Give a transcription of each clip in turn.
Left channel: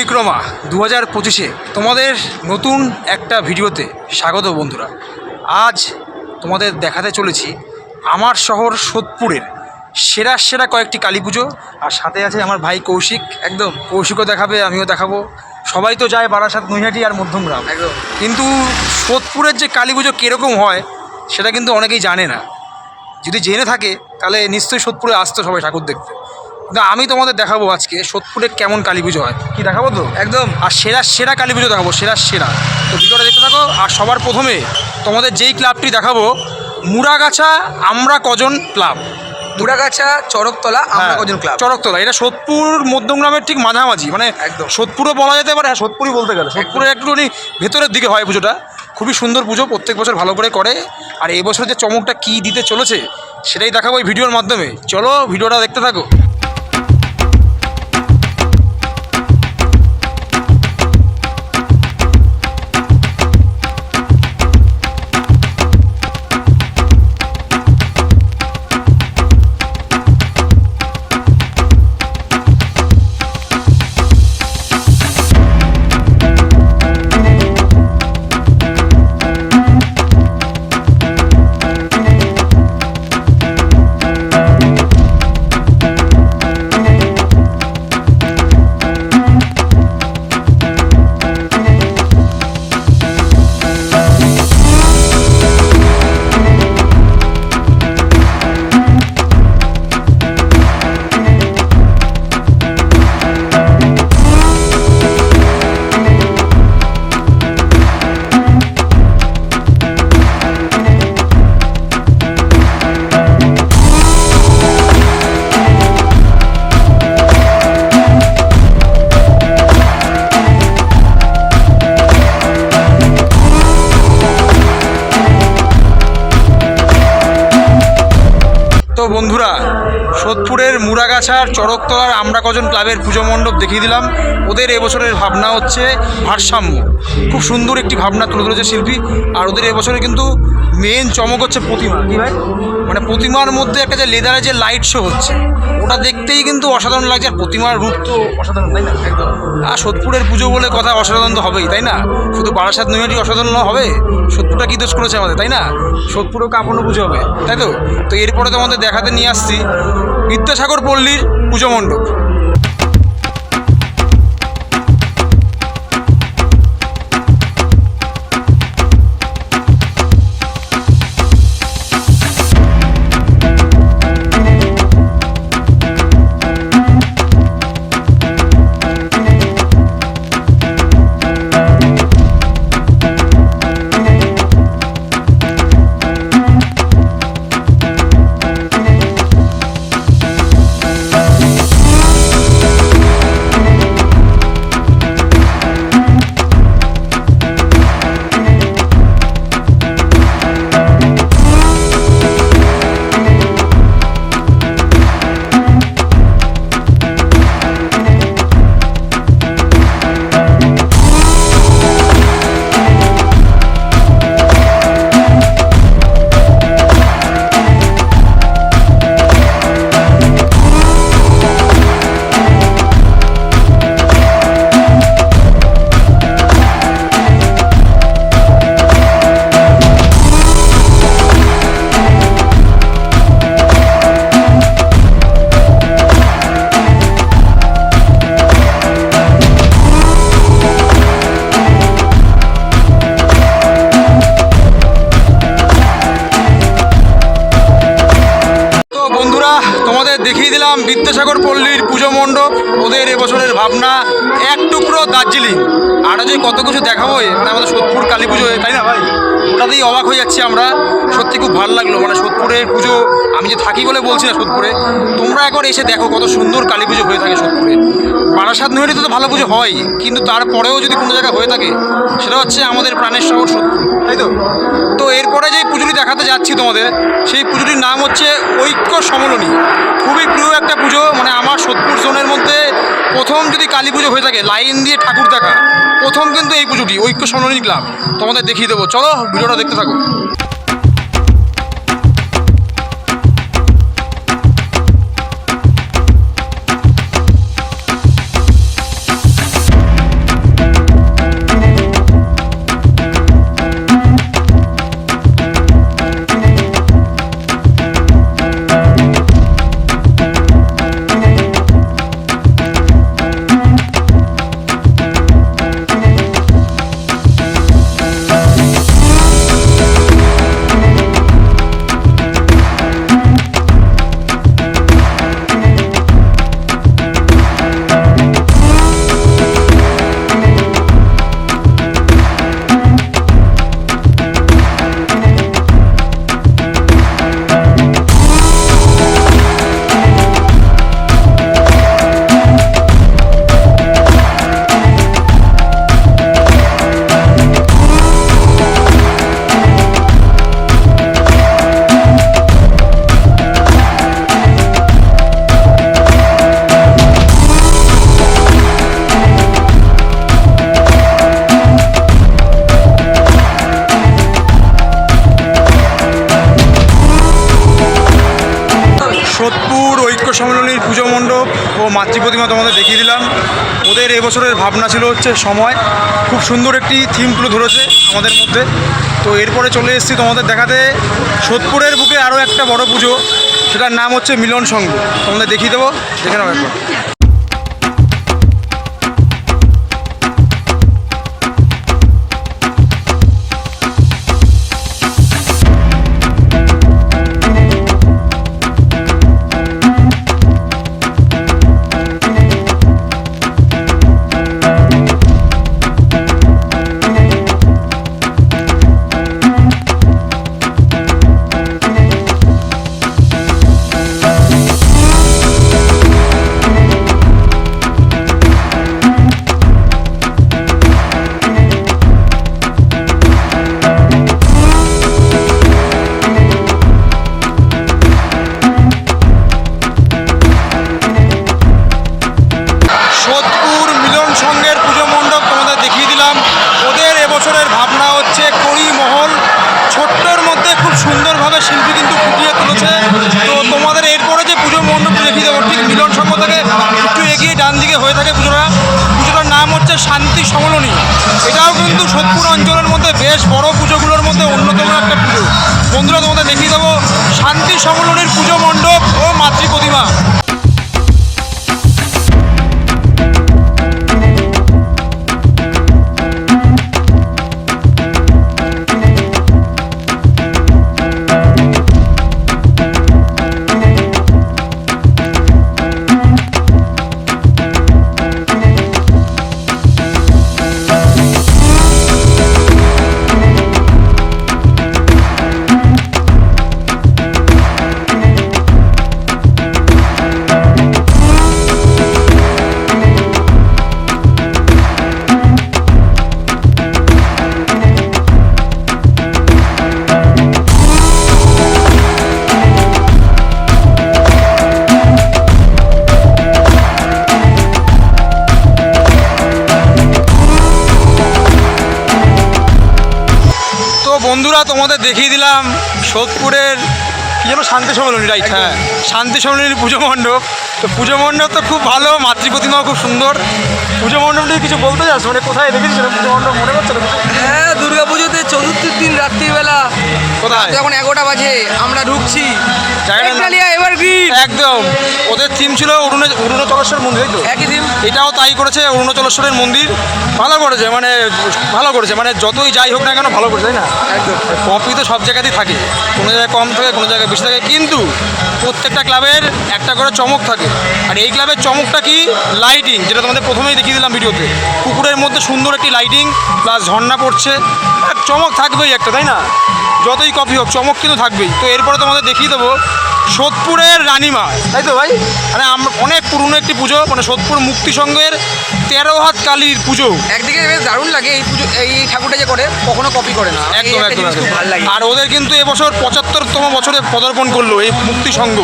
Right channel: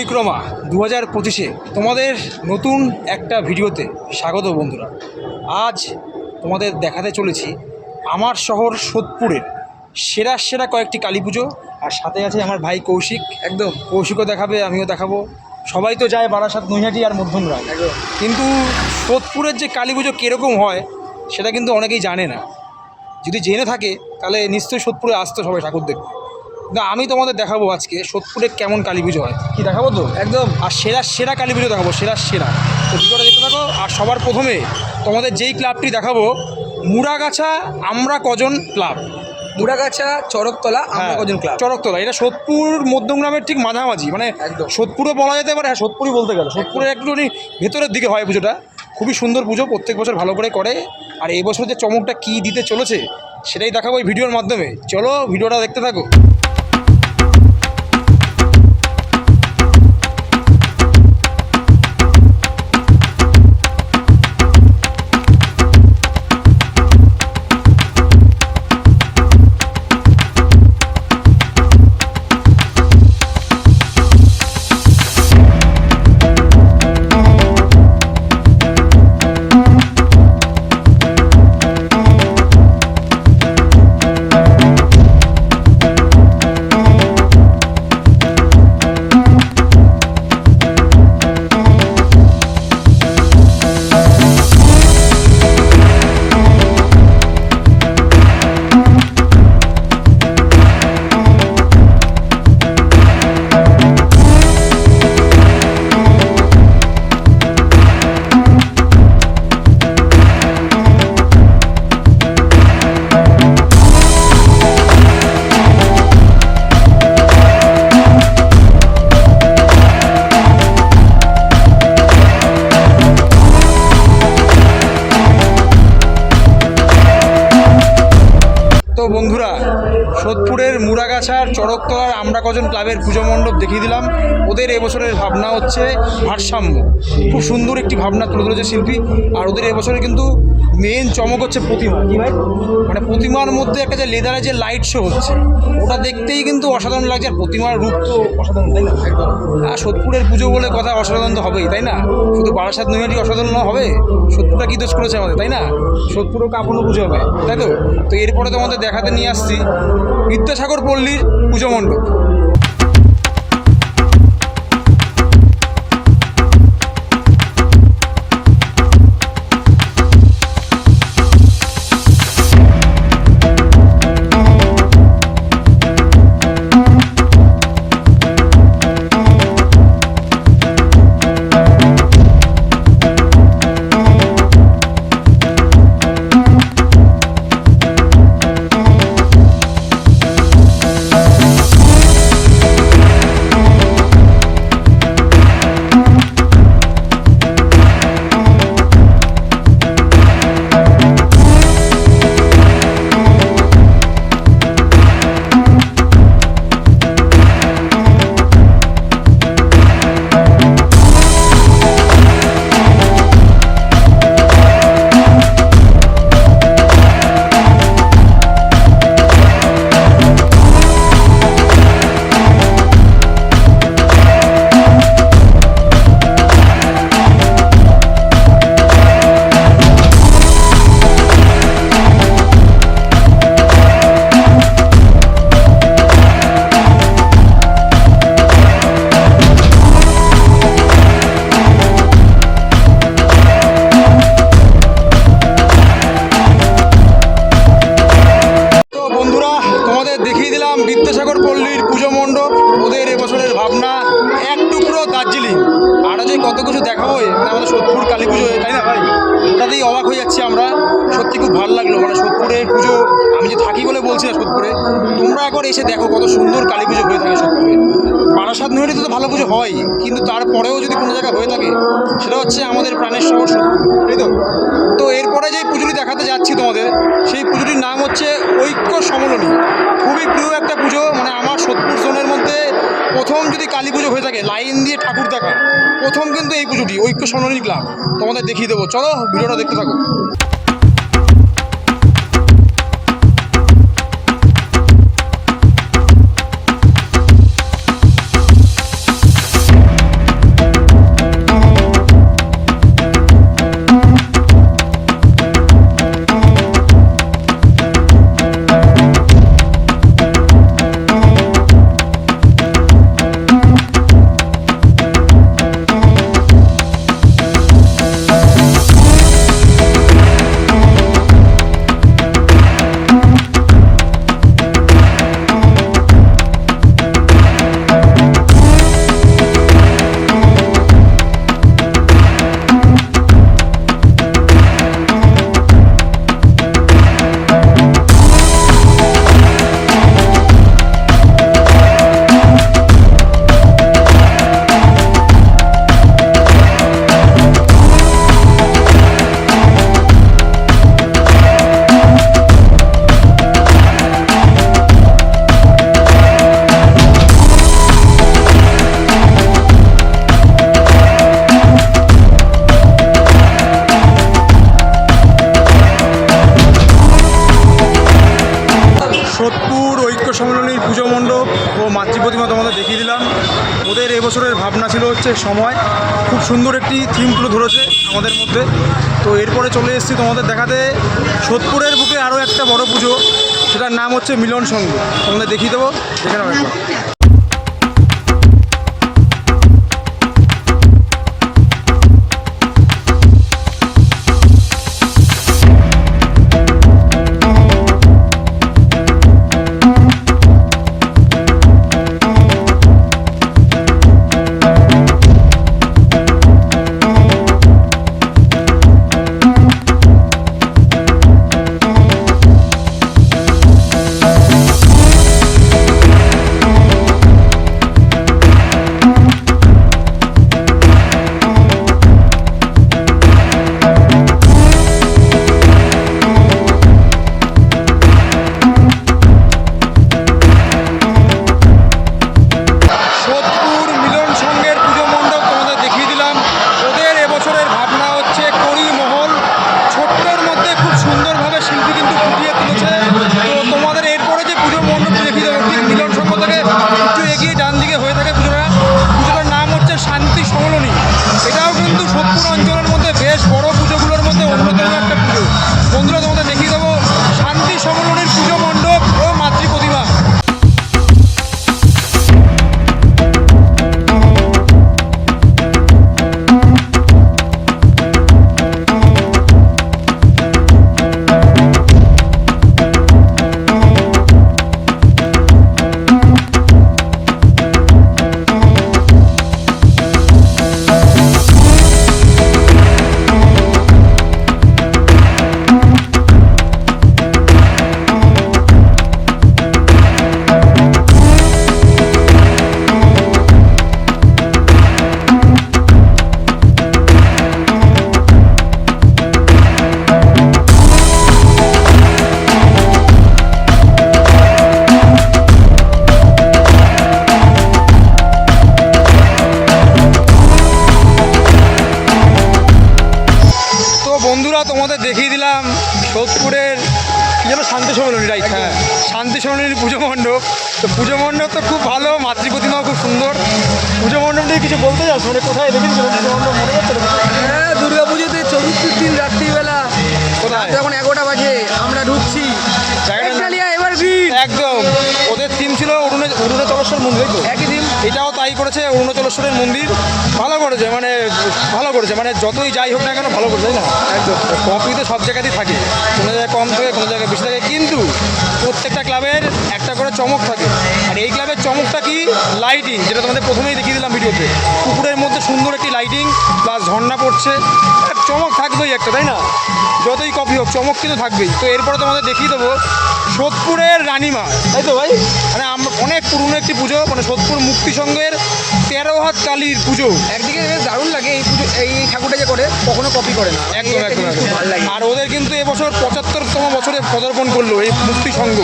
পরিক্রমা দু হাজার পঁচিশে তোমাদের নতুন একটা ভিডিওতে স্বাগত বন্ধুরা। আজ তোমাদের দেখাতে চলেছি আমার শহর সোদপুরের সেরা সেরা কয়েকটি কালী পুজো আর সাথে আছে আমার ভাই কৌশিক। একদম কৌশিকও দেখাবে আমিও দেখাবো। সবাই তো যায় বারাসাত নৈহাটি আর মধ্যমগ্রাম। একদম। কিন্তু সোদপুরের যে কালী পুজো কীরকম হয় সেটা কিন্তু অনেকেই জানে না। যদি জেনে থাকে তাহলে নিশ্চয়ই সোদপুরে আসতো সবাই ঠাকুর দেখতে। কিন্তু আমি তোমাদের দেখাবো আজকে সোদপুরে কেমন কালী পুজো হয়। কি দেখাবো তো? একদম আর সেরা সেরা কালী পুজো দেখাবো সেরা সেরা। তো ভিডিওটা দেখতে থাকো আর সবার প্রথমে তোমাদের যেই ক্লাবটি দেখাবো মুড়াগাছা আমরা কজন ক্লাব? মুড়াগাছা চরকতলা আমরা হ্যাঁ, কজন ক্লাব? চরকতলা এটা সোদপুর মধ্যমগ্রামের ঠিক মাঝামাঝি মানে একদম। সোদপুরও বলা যেতে পারে হ্যাঁ সোদপুরই বলতে গেলে সোদপুরের একটুখানি ভেতরের দিকে হয় পুজোটা। খুবই সুন্দর পুজো প্রত্যেক বছর ভালো করে করে। আর এবছর যে চমকটা কী দিতে চলেছে সেটাই দেখাবো এই ভিডিওর মাধ্যমে। চলো ভিডিওটা দেখতে থাকো। মুড়াগাছার চড়কতলার আমরা কজন ক্লাবের পুজো মণ্ডপ দেখিয়ে দিলাম। ওদের এবছরের ভাবনা হচ্ছে ভারসাম্য। খুব সুন্দর একটি ভাবনা তুলে ধরেছে শিল্পী। আর ওদের এবছরে কিন্তু মেন চমক হচ্ছে প্রতিমা। কি ভাই? মানে প্রতিমার মধ্যে একটা যে লেদারে যে লাইট শো হচ্ছে, ওটা দেখতেই কিন্তু অসাধারণ লাগছে। আর প্রতিমার রূপ তো অসাধারণ, তাই না? একদম আর সোদপুরের পুজো বলে কথা অসাধারণ তো হবেই, তাই না? শুধু বারাসাত নৈহাটি অসাধারণ হবে? সোদপুরটা কী দোষ করেছে আমাদের, তাই না? সোদপুরও কাপড়ও পুজো হবে, তাই তো? তো এরপরে তো আমাদের দেখাতে নিয়ে আসছি। বিদ্যাসাগর পল্লীর পুজো মণ্ডপ। বলছি না সোদপুরে। তোমরা একবার এসে দেখো কত সুন্দর কালী পুজো হয়ে থাকে সোদপুরে। বারাসাত নৈহাটিতে তো ভালো পুজো হয়, কিন্তু তারপরেও যদি কোনো জায়গায় হয়ে থাকে, সেটা হচ্ছে আমাদের প্রাণের শহর সোদপুর, তাই তো? তো এরপরে যে পুজোটি দেখাতে যাচ্ছি তোমাদের, সেই পুজোটির নাম হচ্ছে ঐক্য সমলনী। খুবই প্রিয় একটা পুজো মানে আমার সোদপুর জোনের মধ্যে প্রথম যদি কালী পুজো হয়ে থাকে, লাইন দিয়ে ঠাকুর দেখা, প্রথম কিন্তু এই পুজোটি, ঐক্য সমলনী ক্লাব। তোমাদের দেখিয়ে দেবো। চলো, ভিডিওটা দেখতে থাকো। ভাবনা ছিল হচ্ছে সময়। খুব সুন্দর একটি থিম তুলে ধরেছে আমাদের মধ্যে। তো এরপরে চলে এসেছি তোমাদের দেখাতে। সোদপুরের বুকে আরও একটা বড় পুজো, সেটার নাম হচ্ছে মিলন সংঘ তোমাদের দেখিয়ে দেবো, দেখে নাও একবার। বন্ধুরা তোমাদের দেখিয়ে দিলাম সোদপুরের কি যেন শান্তি সম্মেলনী রাইট হ্যাঁ শান্তি সম্মেলনীর পুজো মণ্ডপ। তো পুজো মণ্ডপ তো খুব ভালো মাতৃ প্রতিমাও খুব সুন্দর। পুজো মণ্ডপ নিয়ে কিছু বলতে চাস? মানে কোথায় দেখেছিল পুজো মণ্ডপ মনে করছে হ্যাঁ দুর্গা পুজোতে চতুর্থীর দিন রাত্রিবেলা। কোথায়? যখন এগারোটা বাজে আমরা ঢুকছি। একদম। ওদের থিম ছিল অরুণ অরুণাচলেশ্বর মন্দির তো? একই থিম এটাও তাই করেছে অরুণাচলেশ্বরের মন্দির। ভালো করেছে মানে ভালো করেছে মানে যতই যাই হোক না কেন ভালো করেছে তাই না? একদম। কপি তো সব জায়গাতেই থাকে। কোনো জায়গায় কম থাকে কোনো জায়গায় বেশি থাকে। কিন্তু প্রত্যেকটা ক্লাবের একটা করে চমক থাকে। আর এই ক্লাবের চমকটা কি? লাইটিং যেটা তোমাদের প্রথমেই দেখিয়ে দিলাম ভিডিওতে। পুকুরের মধ্যে সুন্দর একটি লাইটিং প্লাস ঝর্ণা পড়ছে। আর চমক থাকবেই একটা, তাই না? যতই কফি হোক, চমক কিন্তু থাকবেই। তো এরপরে তোমাদের দেখিয়ে দেবো সোদপুরের রানীমা। তাই তো ভাই? মানে অনেক পুরনো একটি পুজো মানে সোদপুর মুক্তি সংঘের তেরো হাত কালীর পুজো। একদিকে বেশ দারুণ লাগে এই পুজো এই ঠাকুরটা যে করে কখনো কপি করে না। একদম একদম আর ওদের কিন্তু এবছর পঁচাত্তরতম বছরে পদার্পণ করল এই মুক্তি সংঘ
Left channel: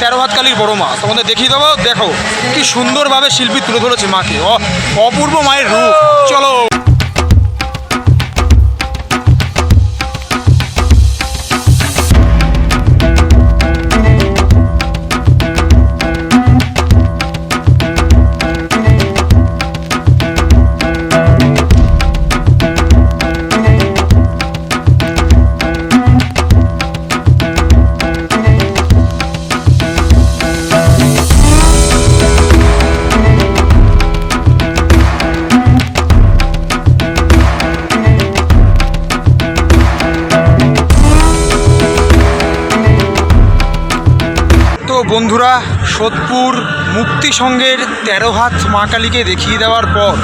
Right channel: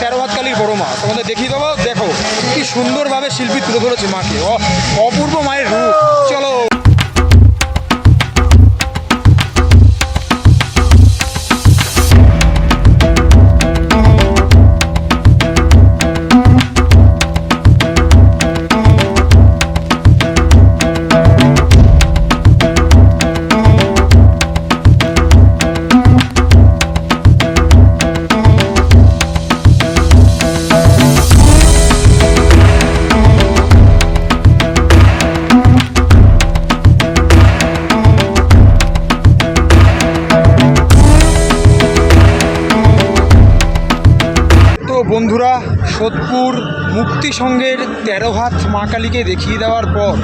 তেরো হাত কালীর বড় মা। তোমাদের দেখিয়ে দেবো দেখো কি সুন্দরভাবে শিল্পী তুলে ধরেছে মাকে। অপূর্ব মায়ের রূপ। চলো। বন্ধুরা, সোদপুর মুক্তি সংঘের তেরো হাত মা কালীকে দেখিয়ে দেওয়ার পর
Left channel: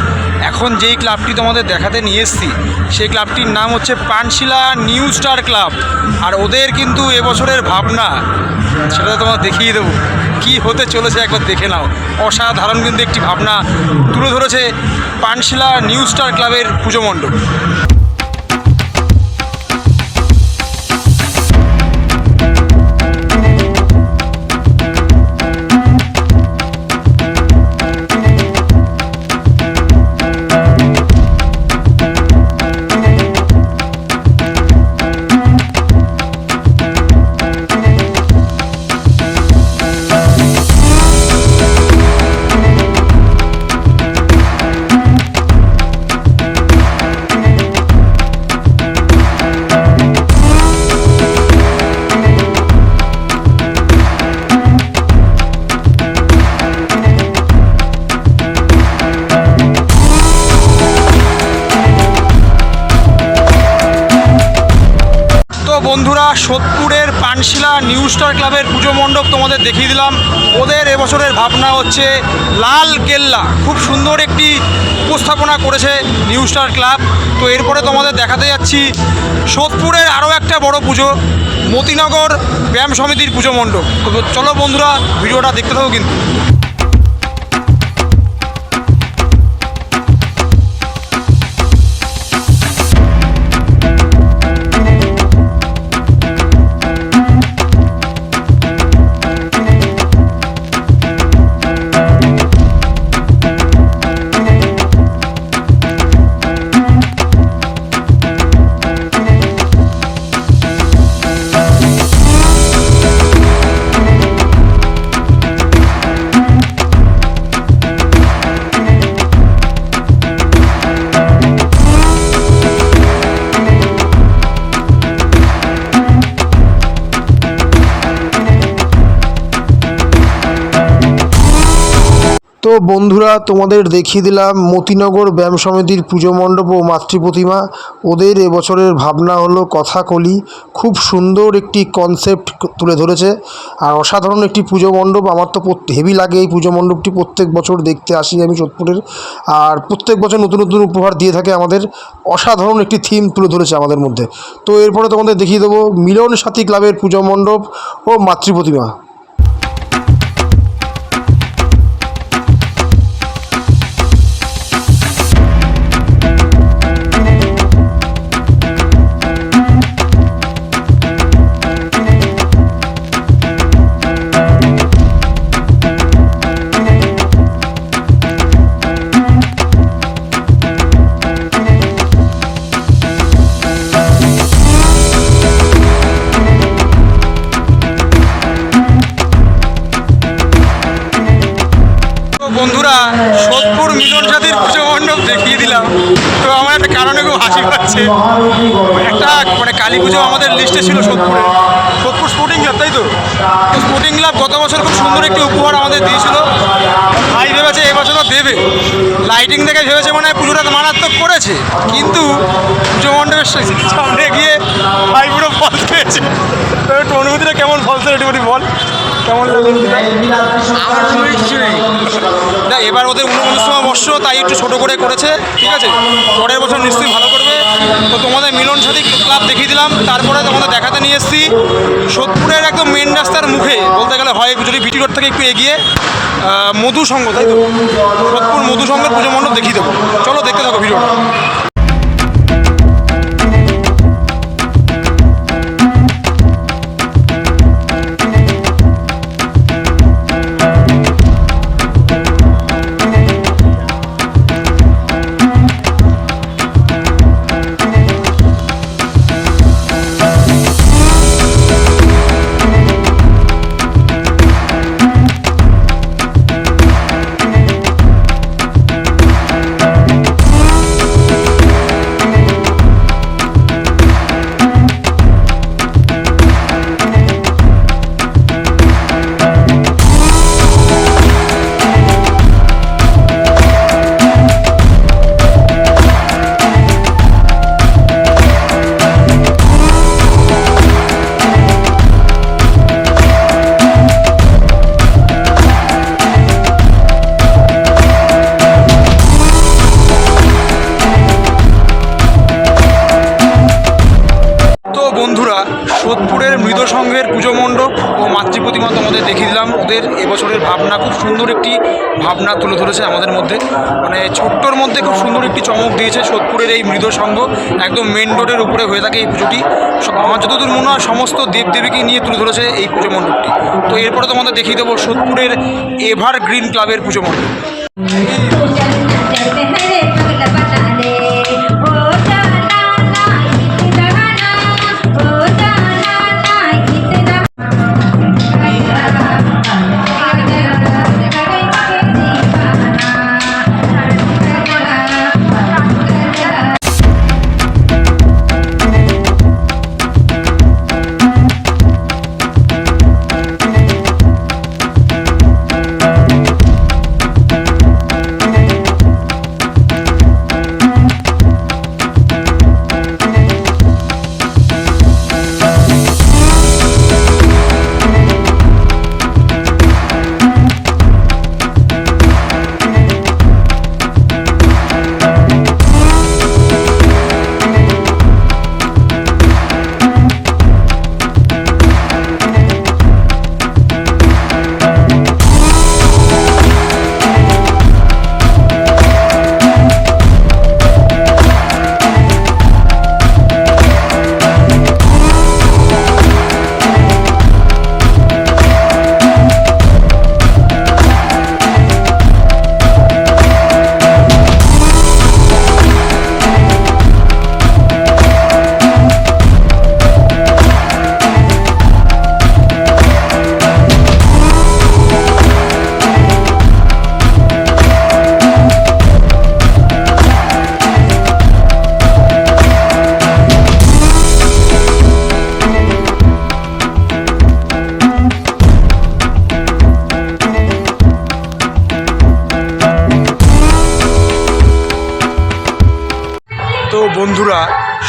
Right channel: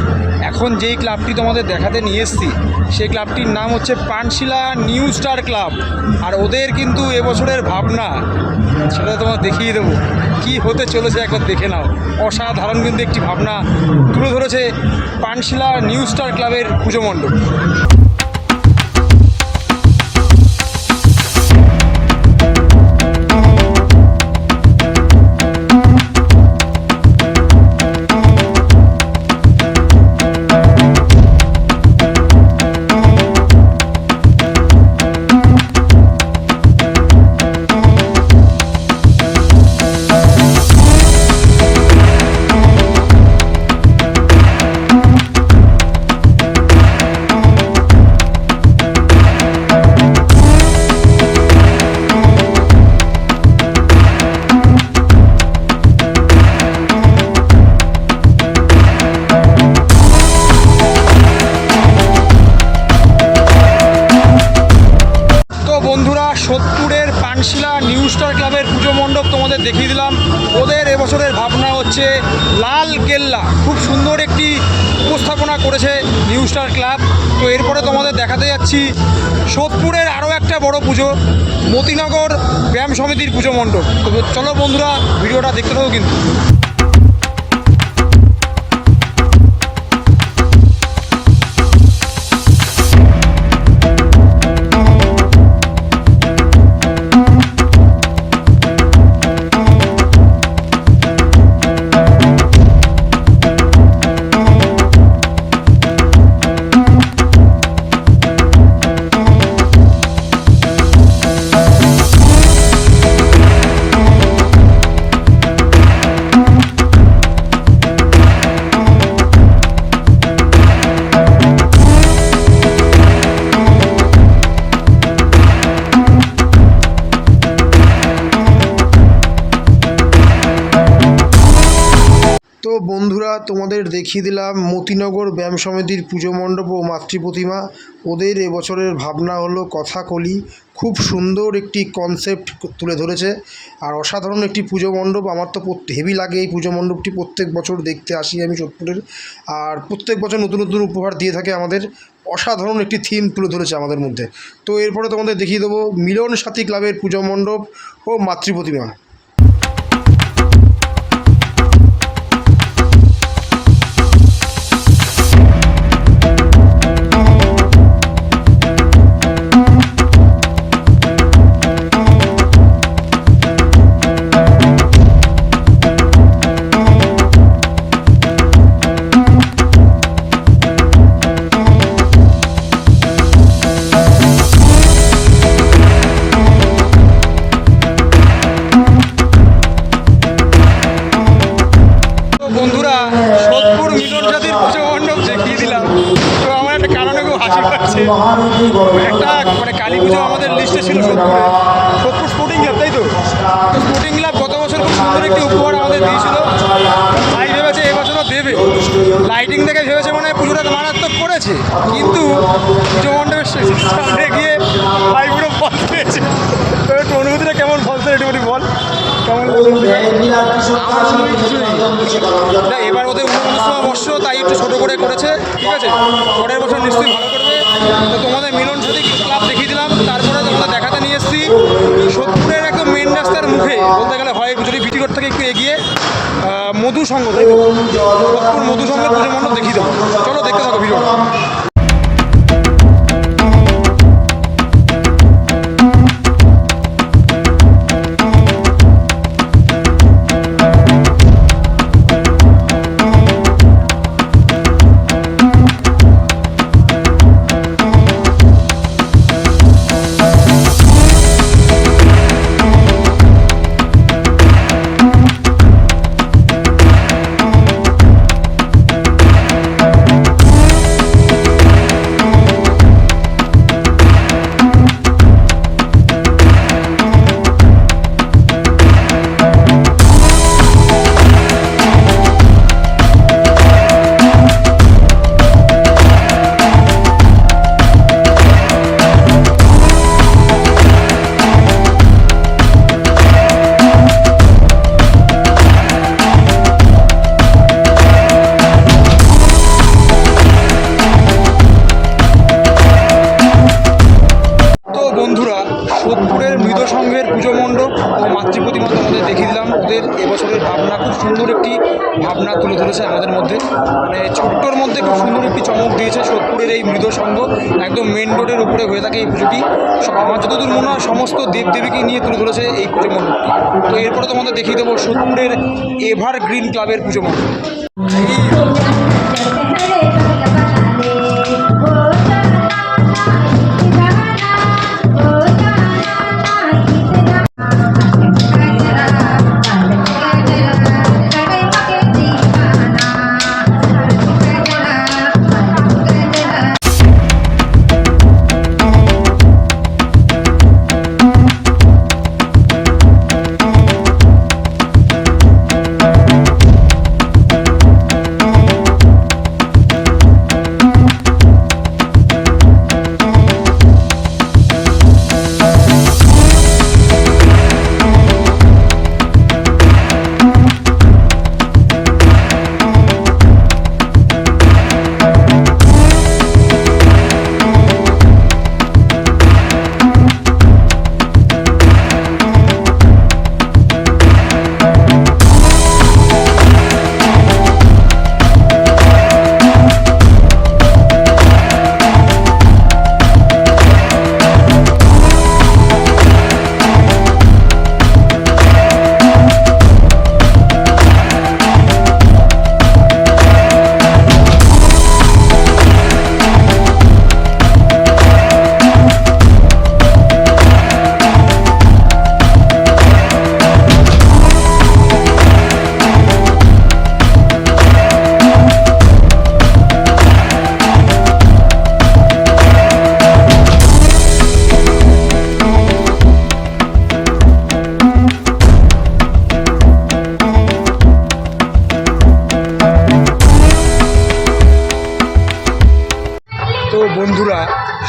এখন যেই ক্লাবটি তোমাদের দেখাতে নিয়ে এসেছি, সেই ক্লাবটির নাম হচ্ছে পানশিলা নিউ স্টার ক্লাব। আর ওদের কিন্তু এবছরের ভাবনা, সেটা তোমার দেখিয়ে দেবো। কি হতে চলেছে একবার দেখে নাও। অসাধারণ কিন্তু একটি ভাবনা তুলে ধরেছে পানশিলা নিউ স্টার ক্লাবের পুজো মণ্ডপ। নিউ স্টার ক্লাবের পুজো মণ্ডপ তোমাদের দেখিয়ে দিলাম। ওদের এবছরের ভাবনা হচ্ছে লাল কেল্লা। খুব সুন্দর একটি উপস্থাপনা করেছে নিউ স্টার ক্লাব তো এরপরে তোমাদের দেখাতে যাচ্ছি সোদপুরের আরও একটা বড় পুজো, মতিনগর ব্যায়াম সমিতির পুজো মণ্ডপ। তো চলো বন্ধুরা, ভিডিওটা দেখতে থাকো কিন্তু। বন্ধুরা তোমাদের দেখিয়ে দিলাম মতিনগর ব্যায়াম সমিতির পুজো মণ্ডপ ও মাতৃ প্রতিমা। ওদের এবছরের ভাবনা হলো কথাকলি। খুব সুন্দর একটি কনসেপ্ট তুলে ধরেছে। আর অসাধারণ একটি পুজো মণ্ডপ। আমার তো হেভি লাগে এই পুজো মণ্ডপটি প্রত্যেক বছর দেখতে আসি আমি সোদপুরের আর প্রত্যেক বছর নতুন নতুন উপহার দিয়ে থাকে আমাদের। অসাধারণ একটি থিম তুলে ধরেছে আমাদের মধ্যে। তো এরপরে তোমাদের দেখিয়ে দেবো মিলন সাথী ক্লাবের পুজো মণ্ডপ ও মাতৃ প্রতিমা। লিস্টে ছিল সোদপুরে। সোদপুর স্পোর্টিং ক্লাব তাই তো? স্পোর্টিং ক্লাব গত বছর খুব সুন্দর একটি উপহার আমাদের দিয়েছিল। ভাই ভেবেছে এবছরও দেবে। লাইটিং দেখে ভেবেছে মানে পুজোটা মারাত্মক করেছে। কিন্তু মণ্ডপের সামনে গিয়ে ভাই পুরো ফল পেয়েছে। অনুভূতিটা কেমন ফলছে একটু বল কেমন লাগল? আমার কিছু নেই বর্ষ তাই একটু ছোটো করে করেছে, ঠিক আছে? পরের বছর নিশ্চয়ই ভালো করবে। তো তোমাদের মিলন সাথী ক্লাব দেখিয়ে দিলাম, তারপরে তোমাদের দেখাতে নিয়ে এসেছি। সোদপুরের একদম মেন রাস্তার মুখে, বলতে গেলে হয় যদি বিটি রোড থেকে একটু এগিয়ে মধু তাই তো? সোদপুর মধু পুজো মণ্ডপ দেখিয়ে দেবো। চলো দেখতে থাকো ভিডিওটা। ওদের এবছরের ভাবনা, খুব সুন্দর একটি ভাবনা তুলে ধরেছে আমাদের মধ্যে। মানে ছোট্টর মধ্যে খুব সুন্দর একটি চমক দিয়েছে সোদপুরের এই মৃদ সংঘ। একদম মেন রোডের উপরে হয়ে থাকে এই পুজোটি। আমার যতদূর মনে হয় সমস্ত দেবদেবীকে নিয়ে তুলে ধরেছে এই পুজো মণ্ডপটি। তো এরপরে তোমাদের দেখিয়ে দেবো সোদপুরের এভার গ্রিন ক্লাবের পুজো মণ্ডপ।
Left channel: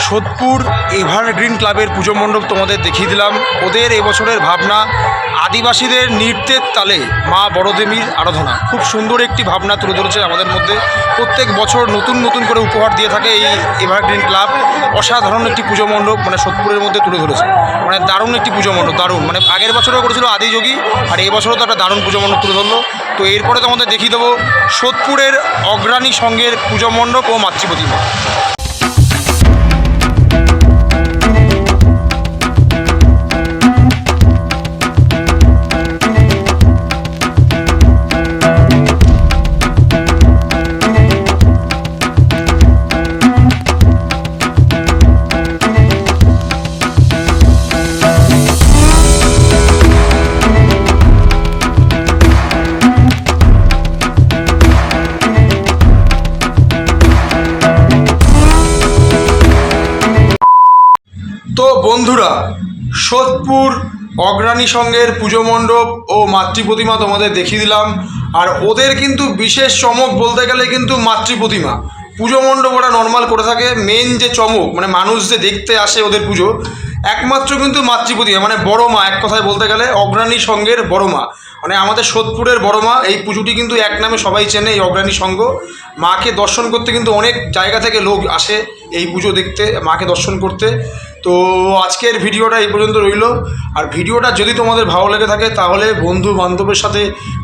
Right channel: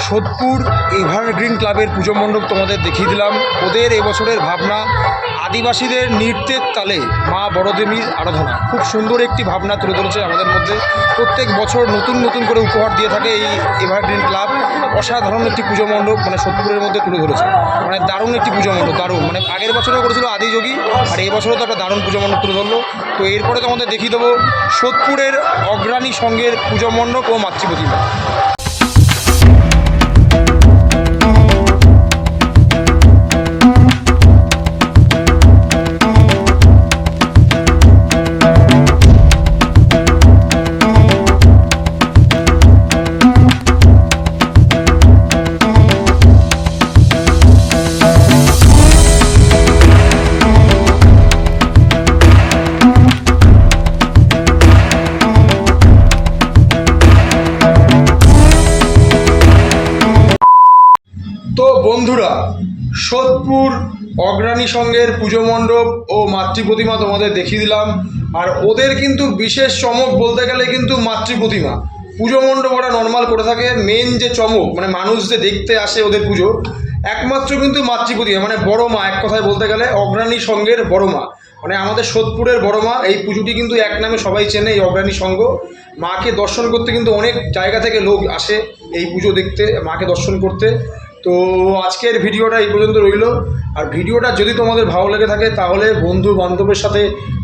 সোদপুর এভারগ্রিন ক্লাবের পুজো মণ্ডপ তোমাদের দেখিয়ে দিলাম। ওদের এবছরের ভাবনা, আদিবাসীদের নৃত্যের তালে মা বড়দেবীর আরাধনা। খুব সুন্দর একটি ভাবনা তুলে ধরেছে আমাদের মধ্যে। প্রত্যেক বছর নতুন নতুন করে উপহার দিয়ে থাকে এই এভারগ্রিন ক্লাব। অসাধারণ একটি পুজো মণ্ডপ মানে সোদপুরের মধ্যে তুলে ধরেছে। মানে দারুণ একটি পুজো মণ্ডপ, দারুণ। মানে আগের বছরও করেছিল আদিযোগী আর এই বছরও তো একটা দারুণ পুজো মণ্ডপ তুলে ধরলো। তো এরপরে তোমাদের দেখিয়ে দেবো সোদপুরের অগ্রণী সঙ্গের পুজো মণ্ডপ ও মাতৃ বন্ধুরা, সোদপুর অগ্রণী সঙ্গের পুজো মণ্ডপ ও মাতৃ প্রতিমা তোমাদের দেখিয়ে দিলাম। আর ওদের কিন্তু বিশেষ চমক বলতে গেলে কিন্তু মাতৃ প্রতিমা পুজো মণ্ডপ ওরা নর্মাল করে থাকে মেন যে চমক মানে মানুষ যে দেখতে আসে ওদের পুজো, একমাত্র কিন্তু মাতৃ প্রতিমা মানে বড় মা, এক কথায় বলতে গেলে অগ্রণী সঙ্গের বড় মা। মানে আমাদের সোদপুরের বড় মা, এই পুজোটি কিন্তু এক নামে সবাই চেনে, এই অগ্রণী সঙ্গ মাকে দর্শন করতে কিন্তু অনেক জায়গা থেকে লোক আসে এই পুজো দেখতে, মাকে দর্শন করতে। তো আজকের ভিডিওটা এই পর্যন্ত রইল। আর ভিডিওটা যদি তোমাদের ভালো লেগে থাকে, তাহলে বন্ধু বান্ধবের সাথে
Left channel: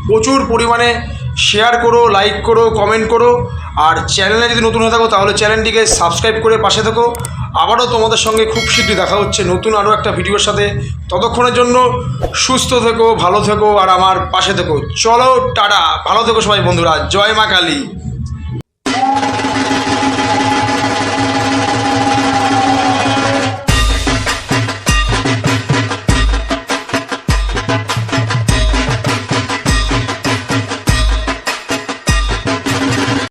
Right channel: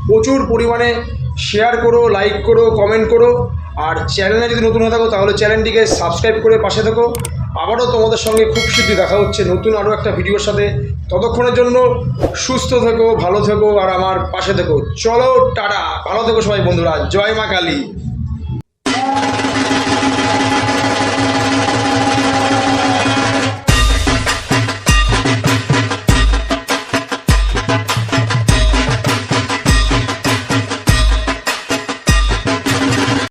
প্রচুর পরিমাণে শেয়ার করো লাইক করো কমেন্ট করো। আর চ্যানেলে যদি নতুন হয়ে থাকো, তাহলে চ্যানেলটিকে সাবস্ক্রাইব করে পাশে থাকো। আবারও তোমাদের সঙ্গে খুব শীঘ্রই দেখা হচ্ছে নতুন আরও একটা ভিডিওর সাথে। ততক্ষণের জন্য সুস্থ থেকো, ভালো থেকো, আর আমার পাশে থেকো। চলো, টাটা। ভালো থেকো সবাই বন্ধুরা। জয় মা কালী।